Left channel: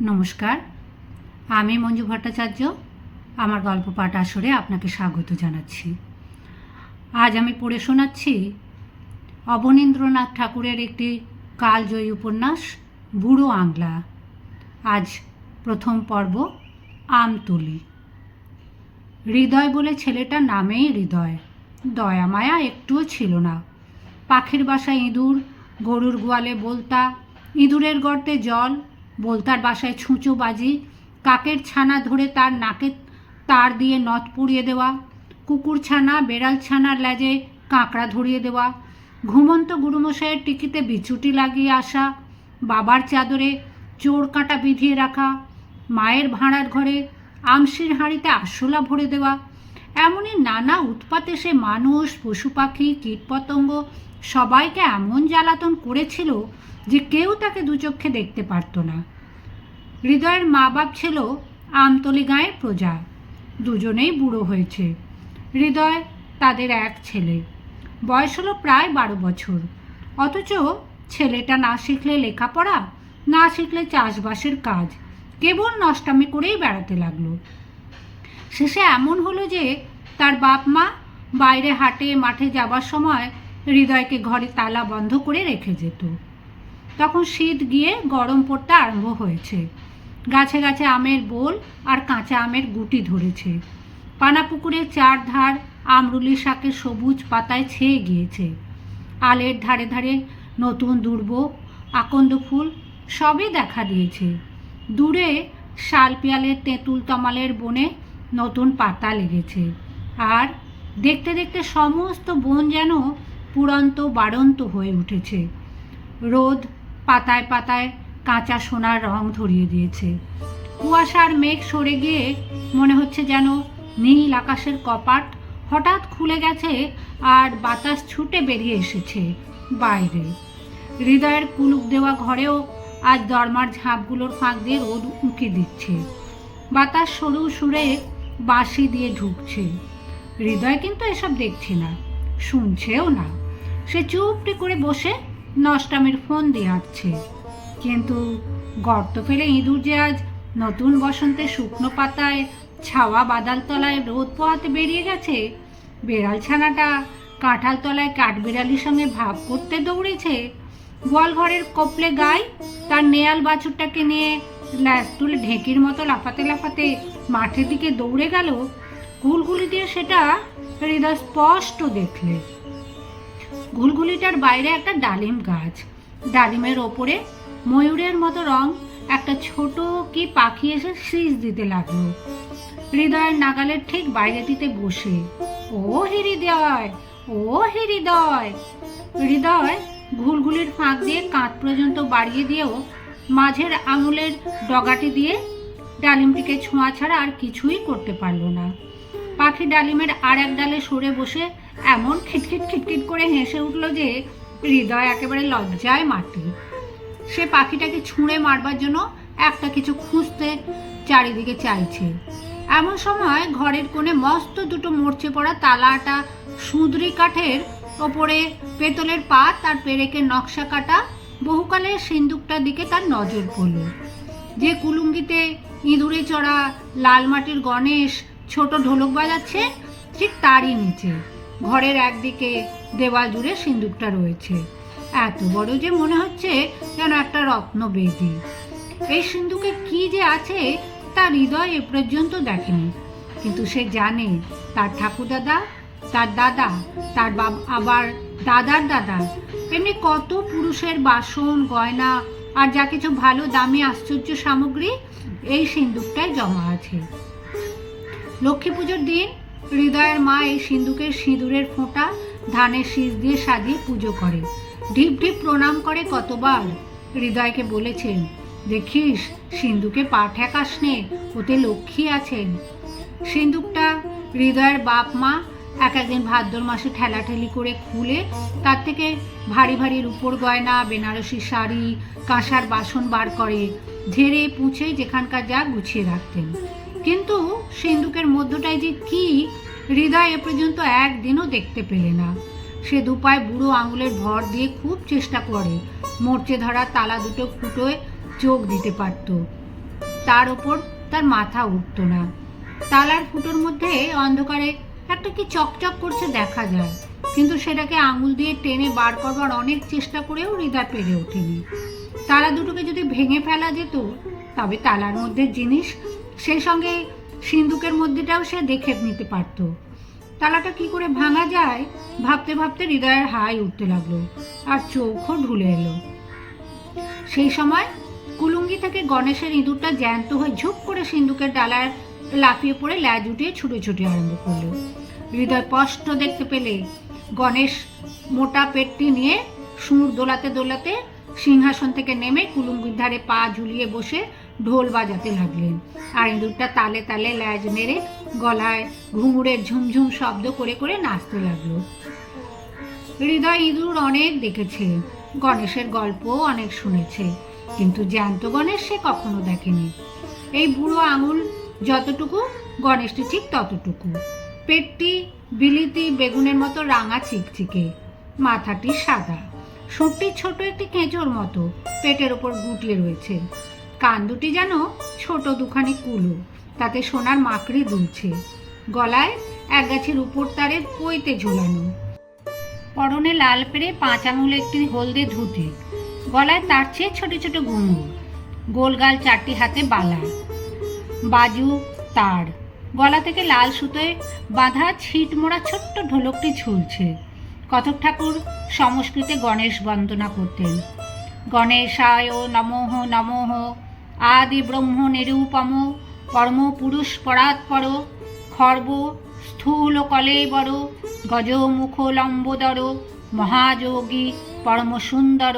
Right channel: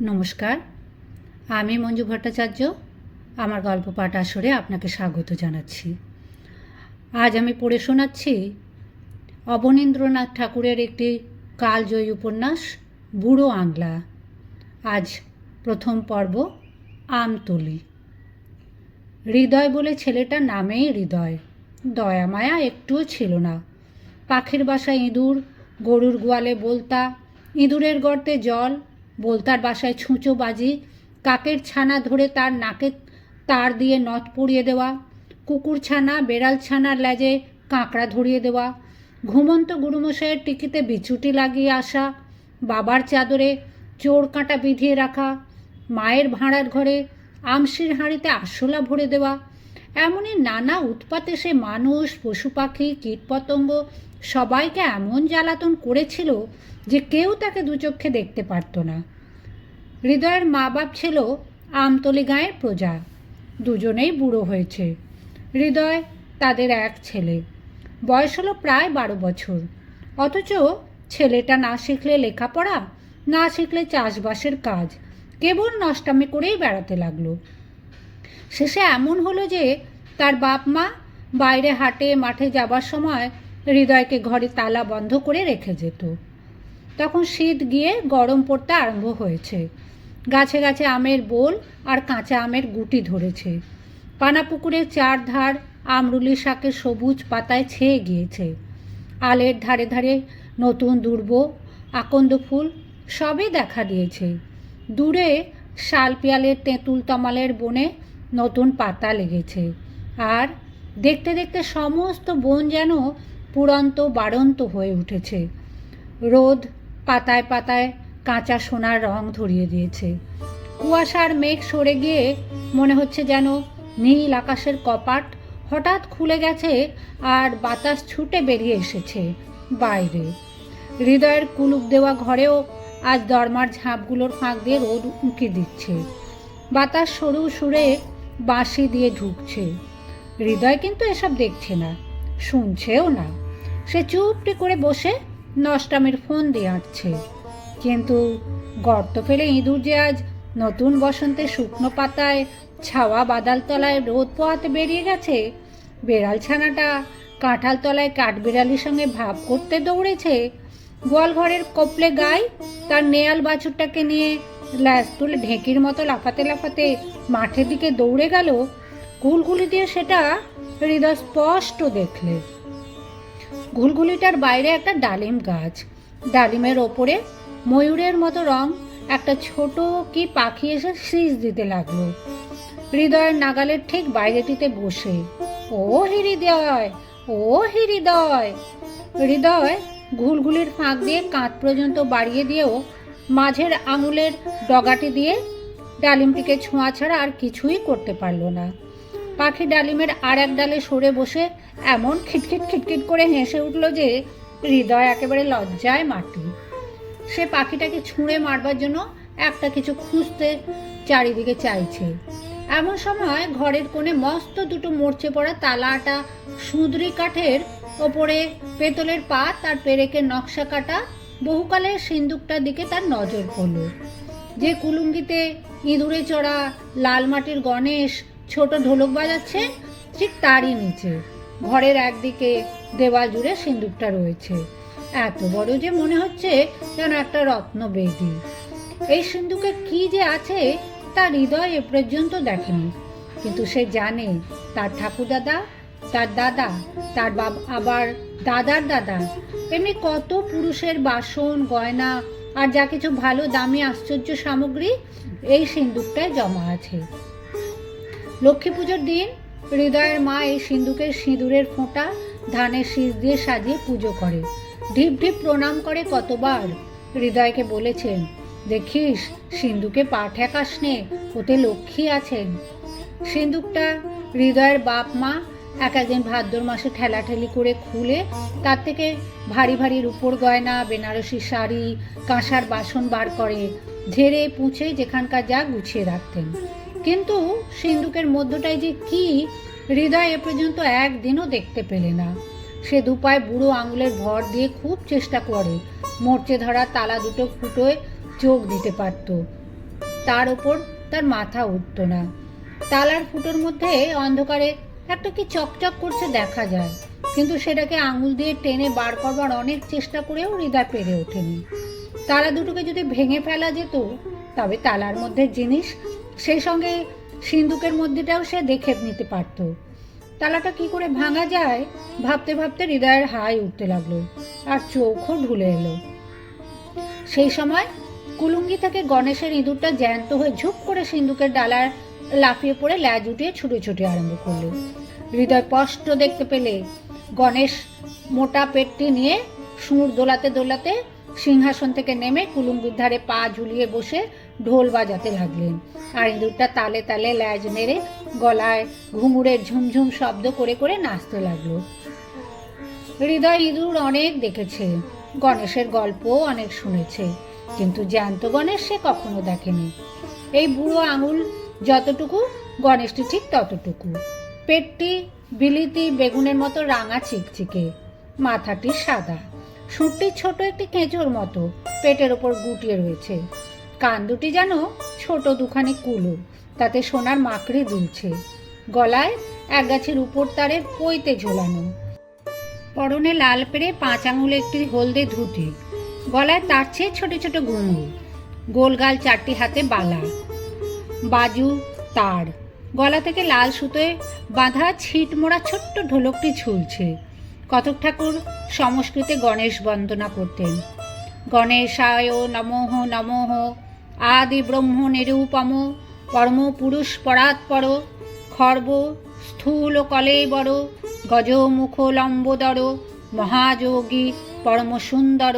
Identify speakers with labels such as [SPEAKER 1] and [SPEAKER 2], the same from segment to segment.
[SPEAKER 1] নমস্কার, আমি মঞ্জু ভট্টাচার্য, আমার গল্প পাঠ আসরে আপনাকে স্বাগত জানাচ্ছি। আজ আমি পড়ে শোনাচ্ছি অবনীন্দ্রনাথ ঠাকুরের একটি কালজয়ী উপন্যাস, বুড়ো আংলা। আজ প্রথম পর্ব, আমতলি। হৃদয় বলে ছেলেটার নামেই হৃদয়। দয়া মায়া একটুও ছিল না। পাখির বাসা ইঁদুর, গরুর গোয়ালে বলতা, ইঁদুরের গর্তে জল বলতার বাসায় ছুঁচো বাজি, কাকের ছানা ধরে তার নাকে তার দিয়ে নথ পরিয়ে দেওয়া, কুকুর ছানা, বেড়াল ছানার লেজে কাঁকড়া ধরিয়ে দেওয়া, ঘুমন্ত গুরুমশাইয়ের টিকিতে বিচুটি লাগিয়ে আসা, বাবার চাদরে চোর কাঁটা বিধিয়ে রাখা, মায়ের ভাঁড়ার ঘরে আমসির হাঁড়িতে আরশোলা ভরে দেওয়া, এমনই নানা উৎপাতে সে মানুষ, পশু পাখি, কীটপতঙ্গ সবাইকে এমন জ্বালাতন করেছিল যে কেউ তাকে দুচক্ষে দেখতে পারত না। হৃদয়ের মা বাপ ছিল আমতলি গাঁয়ের প্রজা। দুজনেই বুড়ো হয়েছে। হৃদয় তাদের এক ছেলে। বয়স হলো প্রায় বারো বছর। অথচ ছেলেটা না শিখলে লেখাপড়া, না শিখলে চাষবাসের কাজ, কেবল নষ্টামি করেই বেড়াতে লাগল। শেষে এমন হলো যে তার বাপ মা বাইরে হাটে মাঠে যাবার সময় হৃদয়কে ঘরে তালা বন্ধ করে রেখে যেত। তখন শীত গিয়ে গরম পড়তে আরম্ভ হয়েছে। গাছে গাছে আমের বোল আর কাঁচা আমের গুটি ধরেছে। পানাপুকুরের চারধার আমরুলি শাকের সবুজ পাতায় ছেয়ে গিয়েছে। আলের ধারে ধারে নতুন দুর্ব, আকন্দ ফুল সবই দেখা দিয়েছে। দূরে শাল পিয়ালের তেঁতুল তমালের বনে নতুন পাতা লেগেছে। আর দেখতে দেখতে সমস্ত বন যেন পুরন্ত বাড়ন্ত হয়ে উঠেছে। রোদ পাতায় পাতায় কাঁচা সোনার রং ধরিয়ে দিয়েছে। কুয়াশার মেঘ সরে গিয়ে মনে হচ্ছে যেন নীল আকাশের কপাট হঠাৎ খুলে গেছে আর বাতাস ছুটে বেরিয়ে এসেছে বাইরে। হৃদয়ের কুলুপ দেওয়া ঘরেও আজ দরমার ঝাঁপগুলোর ফাঁক দিয়ে রোদ উঁকি দিচ্ছে। বাতাস সরু সুরে বাঁশি দিয়ে ঢুকছে। হৃদয় কিন্তু এসব দেখছে না, শুনছেও না। সে চুপটি করে বসে নষ্টামের ফোন দিয়ে আঁটছে কিন্তু গর্ত ফেলে ইঁদুর যে আজ নতুন বসন্তে শুকনো পাতায়, ছাওয়া বাদাল তলায় রোদ পোহাতে বেরিয়ে গেছে, বেড়াল ছানাটা কাঁঠাল তলায় কাঠবিড়ালির সঙ্গে ভাব করতে দৌড়েছে গোয়াল ঘরের কপলে গাই তার নেয়াল বাছুরটাকে নিয়ে ল্যাস তুলে ঢেঁকির মতো লাফাতে লাফাতে মাঠের দিকে দৌড়ে গেল। গুলগুলি দিয়ে সেটা হৃদয় স্পষ্ট দেখলে। ঘুলঘুলিটার বাইরে একটা ডালিম গাছ। ডালিমের ওপরে ময়ূরের মতো রং, একটা ছোট কি পাখি এসে শীষ দিতে লাগল। হৃদয়ের নাগালের ঠিক বাইরেটিতে বসে, ও হৃদয় ও হৃদয়। হৃদয় ঘুলঘুলির ফাঁক দিয়ে কাঁধ পর্যন্ত বাড়িয়ে দিয়েও মাঝের আঙুলের ডগাটি দিয়ে ডালিমটিকে ছোঁয়া ছাড়া আর কিছুই করতে পারল না। পাখি ডালিমের আর এক ডালে সরে বসে এমন খিটখিট খিটখিট করে হেসে উঠল যে হৃদয় একেবারে লজ্জায় মাটি। সে পাখিটাকে ছুঁড়ে মারবার জন্য একটা কিছু খুঁজতে চারিদিকে চাইছে। এমন সময় ঘরের কোণে মস্ত দুটো মরচে পড়া তালাটা সুঁদরি কাঠের ওপরে পেতলের পাত আর পেরেকের নকশা কাটা বহুকালের সিন্দুকটার দিকে তার নজর পড়ল। যে কুলুঙ্গিতে ইঁদুরে চড়া লাল মাটির গণেশ ছোট ঢোলক বাজাচ্ছে, ঠিক তারই নিচে। ঘরের একদিকে দেওয়াল জুড়ে সিন্দুকটা রয়েছে। এত বড় যে মনে হচ্ছে যেন একটা রত্ন বেদি এই সিন্ধুকে কি যে আছে, তার হৃদয় এ পর্যন্ত দেখেনি। কিন্তু সে জানে তার ঠাকুরদাদা, তার দাদা, তার বাব, আবার দাদার দাদা, এমনি কত পুরুষের বাসন, গয়না আর যা কিছু ভালো দামি আশ্চর্য সামগ্রী এই সিন্দুকটায় জমা আছে। লক্ষ্মী পুজোর দিন হৃদয়ের মা এই সিন্দুকের সিঁদুরের ফোঁটা ধানের শীষ দিয়ে সাজিয়ে পুজো করে। ঢিপ ঢিপ প্রণাম করে কতবার। হৃদয়কে বলেছেন, দেখিস, সিন্ধুকে পা ঠেকাস নে, ওতে লক্ষ্মী আছেন। সিন্দুকটা হৃদয়ের বাপ মা এক একদিন ভাদ্র মাসে ঠেলাঠেলি করে খুলে, তার থেকে ভারী ভারী রূপোর গয়না, বেনারসি শাড়ি, কাঁসার বাসন বার করে, ঝেড়ে পুঁছে যেখানকার যা গুছিয়ে রাখতেন। কিন্তু সিন্দুকের মধ্যটায় যে কি, হৃদয় এ পর্যন্ত একদিনও দেখতে পেলে না। সে দুপায় বুড়ো আঙুলের ভর দিয়ে খুব চেষ্টা করে, মরচে ধরা তালা দুটো ফুটোয় চোখ দিতে পারত। তার ওপর তার মাথা উঠতো না। তালার ফুটোর মধ্যে অন্ধকারে একটা কি চকচক করছে দেখা যায়, কিন্তু সেটাকে আঙুল দিয়ে টেনে বার করবার অনেক চেষ্টা করেও হৃদয় পেরে ওঠেনি। তালা দুটোকে যদি ভেঙে ফেলা যেত, তবে তালার মধ্যে জিনিস সেই সঙ্গে সিন্দুকের মধ্যেটাও সে দেখে নিতে পারত। তালাটা কি করে ভাঙা যায়, ভাবতে ভাবতে হৃদয়ের হাই উঠতে লাগল আর চোখও ঢুলে এলো। সেই সময় কুলুঙ্গি থেকে গণেশের ইঁদুরটা জ্যান্ত হয়ে ঝুপ করে সিন্দুকের ডালার লাফিয়ে পড়ে ল্যাজ উঠিয়ে ছুটে ছুটে আরম্ভ করল। হৃদয় স্পষ্ট দেখতে পেলে গণেশ মোটা পেটটি নিয়ে সুর দোলাতে দোলাতে সিংহাসন থেকে নেমে কুলুঙ্গির ধারে পা ঝুলিয়ে বসে ঢোল বাজাতে লাগলেন। আর ইঁদুরটা তালে তালে ল্যাজ মেরে গলায় ঘুঙুরের ঝুমঝুম শব্দ করে করে নাচতে লাগল। হৃদয় ইঁদুর অনেক দেখেছে, গণেশের গল্পও অনেক শুনেছে, কিন্তু জ্যান্ত গণেশ সে কখনো দেখেনি। এই বুড়ো আঙুল যতটুকু, গণেশটি ঠিক ততটুকু। পেটটি বিলিতি বেগুনের মতো রাঙা চিকচিকে, মাথাটি সাদা। সুরটি ছোট একটি কেঁচোর মতো পেটের ওপর গুটিয়ে রয়েছে। কান দুটি যেন ছোট দুখানি কুলো, তাতে সোনার মাকড়ি দুলছে। গলায় এক গাছের উপর তারের পইতে ঝোলানো। পরনে লাল পেরে পাঁচ আঙুলে একটি হলদে ধুতি। গলায় তার চেয়ে ছোট ছোট ঘুঙুর গোলগাল চারটি হাতে বালা। বাজু তার। গলা থেকে লাল সুতোয় বাঁধা ছিট মোড়া ছোট্ট ঢোলকটি ঝুলছে। কতক ঠাকুর সংস্কৃতে গণেশ বন্দনা করতেন। গণেশায় নমঃ নমঃ আদি ব্রহ্ম নিরূপম পরম পুরুষ পরাৎপর খর্ব স্থূল কলেবর গজ মুখ লম্বোদর মহাযোগী পরম সুন্দর।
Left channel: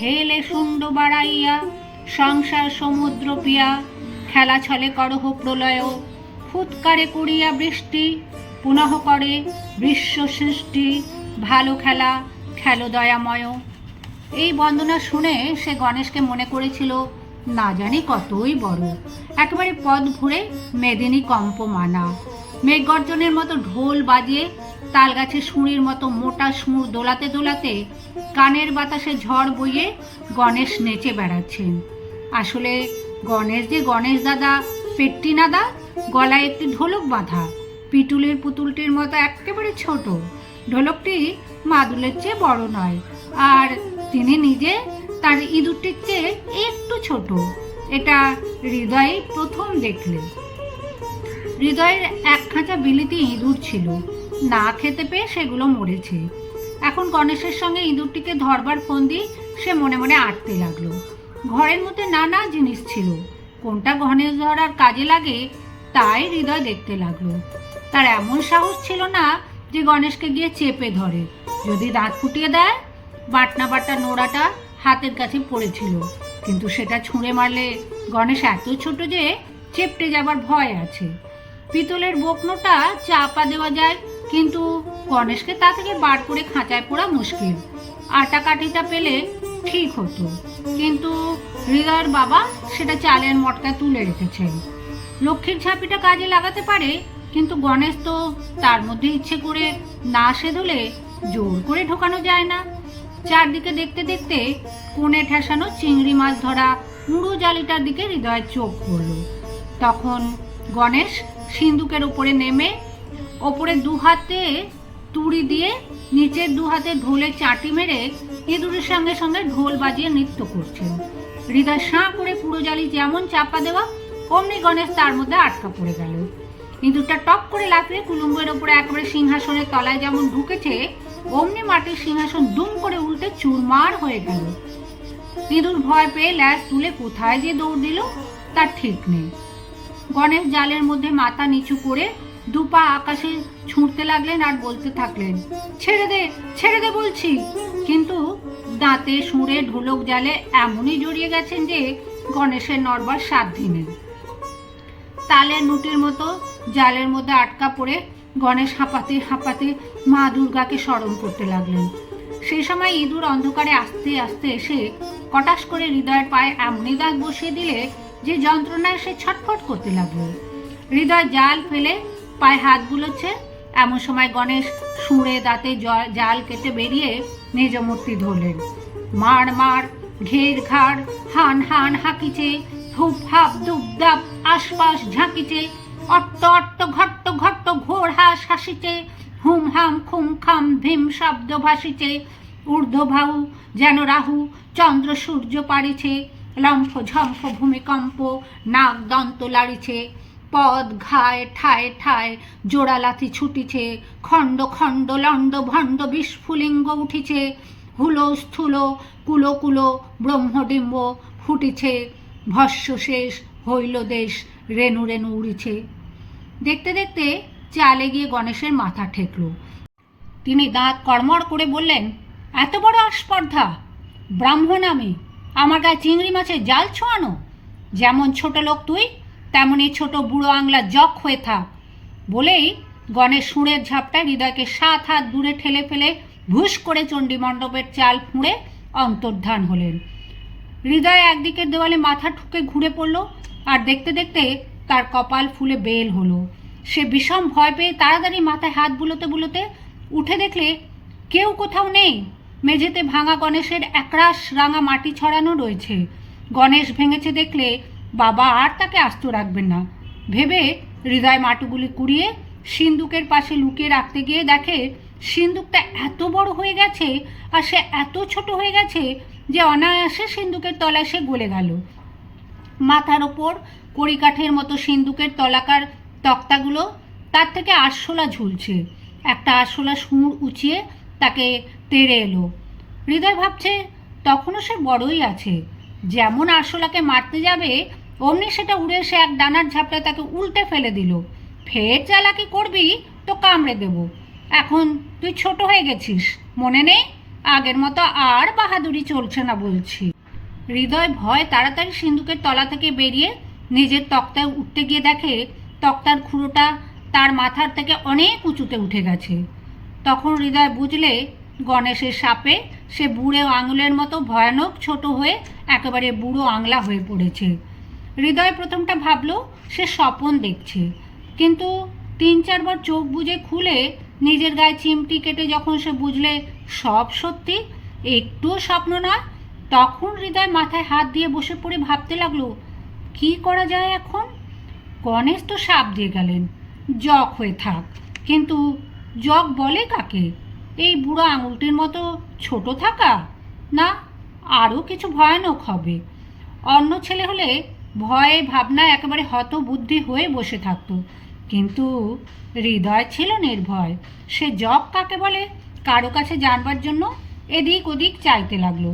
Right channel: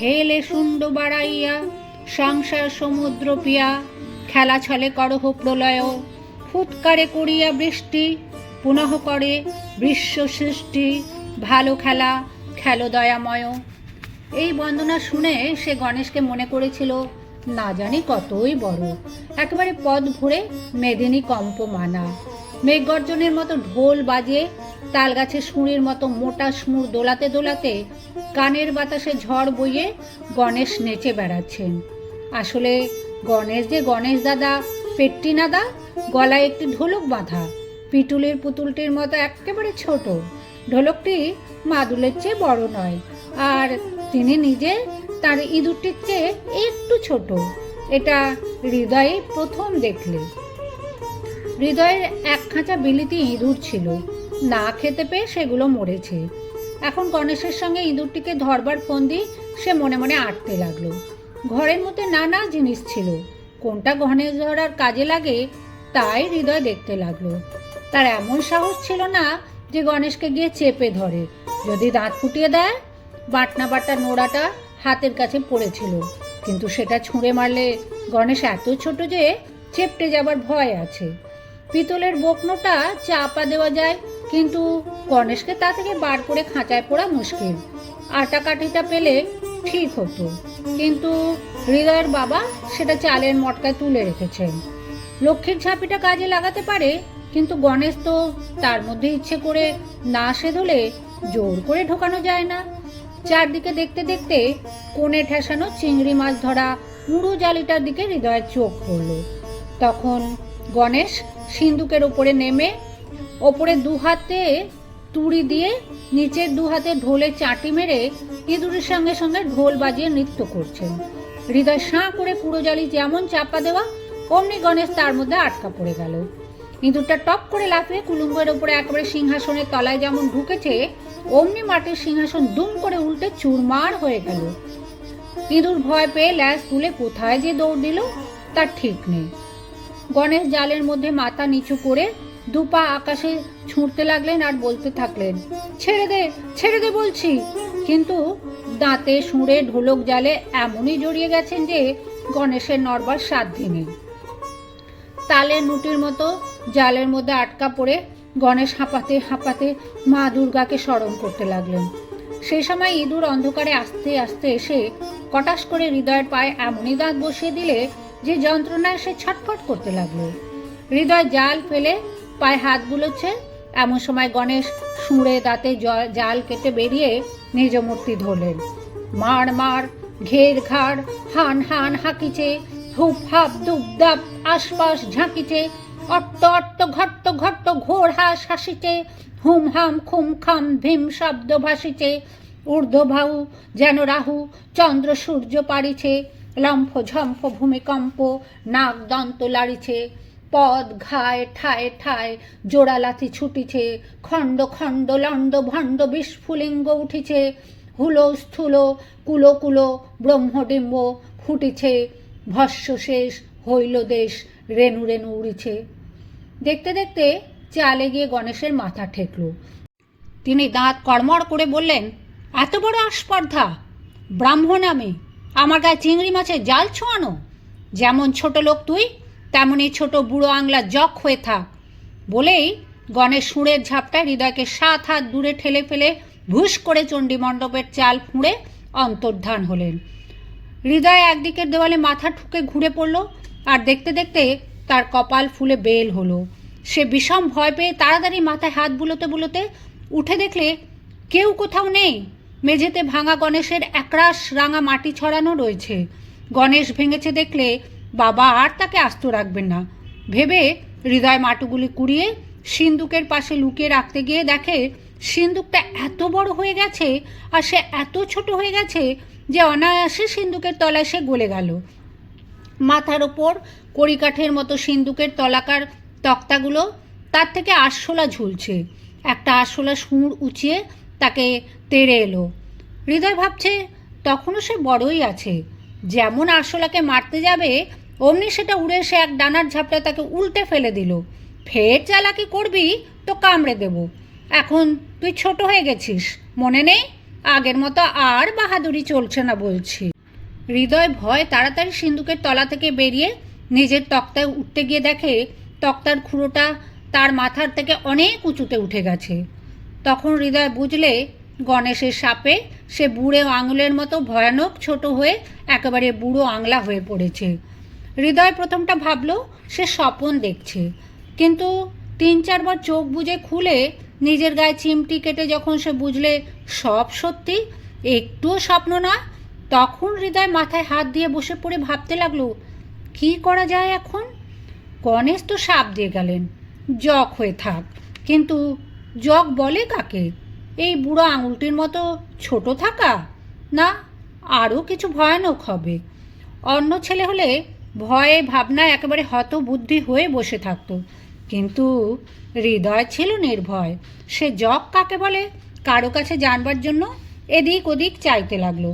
[SPEAKER 1] হেলে শুণ্ড বাড়াইয়া সংসার সমুদ্র পিয়া, খেলা ছলে করহ প্রলয়, ফুৎকারে করিয়া বৃষ্টি পুনঃ করে বিশ্ব সৃষ্টি, ভালো খেলা, খেলো দয়াময়। এই বন্দনা শুনে সে গণেশকে মনে করেছিল, না জানি কতই বড়। একেবারে পদ ঘুরে মেদিনী কম্প মানা মেঘগর্জনের মতো ঢোল বাজিয়ে তাল গাছের শুঁড়ির মতো মোটা সুর দোলাতে দোলাতে কানের বাতাসে ঝড় বইয়ে গণেশ নেচে বেড়াচ্ছেন। আসলে গণেশ যে গণেশ দাদা, পেট্টি নাদা, গলায় একটি ঢোলক বাঁধা। পিটুলের পুতুলটির মতো একেবারে ছোট। ঢোলকটি মাদুলের চেয়ে বড় নয়, আর তিনি নিজে তার ইঁদুরটির চেয়ে একটু ছোট। এটা হৃদয়ে প্রথম দেখলেন। হৃদয়ের এক খাঁচা বিলিতি ইঁদুর ছিল। না খেতে পেয়ে সেগুলো মরেছে। এখন গণেশের সঙ্গে ইঁদুরটিকে ধরবার ফন্দি সে মনে মনে আটতে লাগল। ঘরের মধ্যে নানা জিনিস ছিল। কোনটা গণেশ ধরার কাজে লাগে, তাই হৃদয় দেখতে লাগল। তার এমন সাহস ছিল না যে গণেশকে গিয়ে চেপে ধরে। যদি দাঁত ফুটিয়ে দেয় বাটনা বাটা নোড়াটা হাতের কাছে পড়েছিল। কিন্তু সেটা ছুঁড়ে মারলে গণেশ এত ছোট যে চেপটে যাবার ভয় আছে। পিতলের বকনোটা চাপা দেওয়া যায়, কিন্তু গণেশকে তা থেকে বার করে খাঁচায় পড়া মুশকিল। আটা কাঠিটা পেলে ঠিক হতো, কিন্তু হৃদয়ের বাবা সেটা চালের মটকায় তুলে রেখেছেন। লক্ষ্মীর ঝাঁপিটা কাজে লাগাতে পারে কিন্তু গণেশ তো তার মধ্যে ইচ্ছে করে না সে ধুলে জোর করে ঢোকানো যায় না। চারদিকে দেখতে দেখতে কোণে ঠেসানো চিংড়ি মাছ ধরা পুরো জালিটার দিকে হৃদয়ের চোখ পড়ল তখন গণেশ সিন্দুকের উপরে নেমে ওপরে দু হাতে তুড়ি দিয়ে নিচের দু হাতে ঢোলে চাটি মেরে ইঁদুরের সঙ্গে সঙ্গে ঢোল বাজিয়ে নৃত্য করছেন। হৃদয় সাঁ করে পুরো জালি যেমন চাপা দেওয়া, অমনি গণেশ তার মধ্যে আটকা পড়ে গেল। ইঁদুরটা টপ করে লাফিয়ে কুলুঙ্গের ওপরে একেবারে সিংহাসনের তলায় যেমন ঢুকেছে, অমনি মাটির সিংহাসন দুম করে উল্টে চুরমার হয়ে গেল। ইঁদুর ভয় পেয়ে ল্যাস তুলে কোথায় যে দৌড় দিল, তার ঠিক নেই। গণেশ জালের মধ্যে মাথা নিচু করে দুপা আকাশে ছুঁড়তে লাগলেন আর বলতে থাকলেন, ছেড়ে দে ছেড়ে দে বলছি। কিন্তু দাঁতে সুরে ঢোলক, জালে এমনই জড়িয়ে গেছেন যে গণেশের নরবার সাধ্য নেই। তালের নুটির মতো জালের মধ্যে আটকা পড়ে গণেশ হাঁপাতে হাঁপাতে মা দুর্গাকে স্মরণ করতে লাগলেন। সেই সময় ইঁদুর অন্ধকারে আস্তে আস্তে এসে কটাশ করে হৃদয়ের পায়ে এমনই দাঁত বসিয়ে দিলে যে যন্ত্রণায় সে ছটফট করতে লাগল। হৃদয় জাল ফেলে পায়ে হাত বুলোচ্ছে এমন সময় গণেশ সুঁড়ে দাঁতে জাল কেটে বেরিয়ে নিজ মূর্তি ধরলেন। মার মার ঘের ঘাড়, হান হান হাঁকিছে হুপ হাপ দুপ দাপ আশপাশ ঝাঁকিছে অট্ট অট্ট ঘট্ট ঘট্ট ঘোর হাস হাসিছে হুম হাম খুম খাম ভীম শব্দ ভাসিছে ঊর্ধ্ববাহু যেন রাহু, চন্দ্র সূর্য পারিছে লম্ফ ঝম্ফ ভূমিকম্প নাক দন্ত লাড়িছে, পদ ঘায় ঠায় ঠায় জোড়া লাথি ছুটিছে, খণ্ড খণ্ড লণ্ড ভণ্ড বিস্ফুলিঙ্গ উঠিছে, হুলো স্থূল কুলো কুলো ব্রহ্মডিম্ব ফুটিছে ভস্য শেষ, হইল দেশ, রেণু রেণু উড়িছে। দেখতে দেখতে চালে গিয়ে গণেশের মাথা ঠেকল। তিনি দাঁত কড়মড় করে বললেন, এত বড় আস্পর্ধা! ব্রাহ্মণ আমি, আমার গায়ে চিংড়ি মাছের জাল ছোঁয়ানো। যেমন ছোট লোক তুই তেমনই ছোট বুড়ো আংলা জক হয়ে থাক। বলেই গণেশ সুরের ঝাপটায় হৃদয়কে সাত হাত দূরে ঠেলে ফেলে ভুস করে চণ্ডী মণ্ডপের চাল ফুঁড়ে অন্তর্ধান হলেন। হৃদয় একদিকের দেওয়ালে মাথা ঠুকে ঘুরে পড়ল, আর দেখতে দেখতে তার কপাল ফুলে বেল হলো। সে বিষম ভয় পেয়ে তাড়াতাড়ি মাথায় হাত বুলোতে বুলোতে উঠে দেখলে কেউ কোথাও নেই। মেঝেতে ভাঙা গণেশের একরাশ রাঙা মাটি ছড়ানো রয়েছে। গণেশ ভেঙেছে দেখলে বাবা আর তাকে আস্ত রাখবেন না। ভেবে হৃদয় মাটুগুলি কুড়িয়ে সিন্দুকের পাশে লুকিয়ে রাখতে গিয়ে দেখে, সিন্দুকটা এত বড় হয়ে গেছে আর সে এত ছোট হয়ে গেছে যে অনায়াসে সিন্দুকের তলায় সে গলে গেল। মাথার ওপর কড়িকাঠের মতো সিন্দুকের তলাকার তক্তাগুলো তার থেকে আরশোলা ঝুলছে। একটা আরশোলা সুর উঁচিয়ে তাকে তেড়ে এলো। হৃদয় ভাবছে, তখনও সে বড়ই আছে। যেমন আরশোলাকে মারতে যাবে, অমনি সেটা উড়ে এসে এক ডানার ঝাপটা তাকে উল্টে ফেলে দিল। ফের চালাকি করবি, তো কামড়ে দেব। এখন তুই ছোট হয়ে গেছিস, মনে নেই? আগের মতো আর বাহাদুরি চলছে না বলছি। হৃদয় ভয় তাড়াতাড়ি সিন্ধুকের তলা থেকে বেরিয়ে নিজের তক্তায় উঠতে গিয়ে দেখে তক্তার খুঁড়োটা তার মাথার থেকে অনেক উঁচুতে উঠে গেছে। তখন হৃদয় বুঝলে গণেশের সাপে সে বুড়ে আঙুলের মতো ভয়ানক ছোট হয়ে একেবারে বুড়ো আংলা হয়ে পড়েছে। হৃদয় প্রথমটা ভাবলো, সে স্বপন দেখছে। কিন্তু তিন চারবার চোখ বুজে খুলে নিজের গায়ে চিমটি কেটে যখন সে বুঝলে সব সত্যি, একটুও স্বপ্ন নয় তখন হৃদয় মাথায় হাত দিয়ে বসে পড়ে ভাবতে লাগল, কি করা যায় এখন? গণেশ তো সাপ দিয়ে গেলেন। জগ হয়ে থাক, কিন্তু জগ বলে কাকে? এই বুড়ো আঙুলটির মতো ছোট থাকা? না, আরও কিছু ভয়ানক হবে। অন্য ছেলে হলে ভয়ে ভাবনায় একেবারে হতবুদ্ধি হয়ে বসে থাকতো। কিন্তু হৃদয় ছিল নির্ভয়। সে জব কাকে বলে? কারও কাছে জানবার জন্য এদিক ওদিক চাইতে লাগল।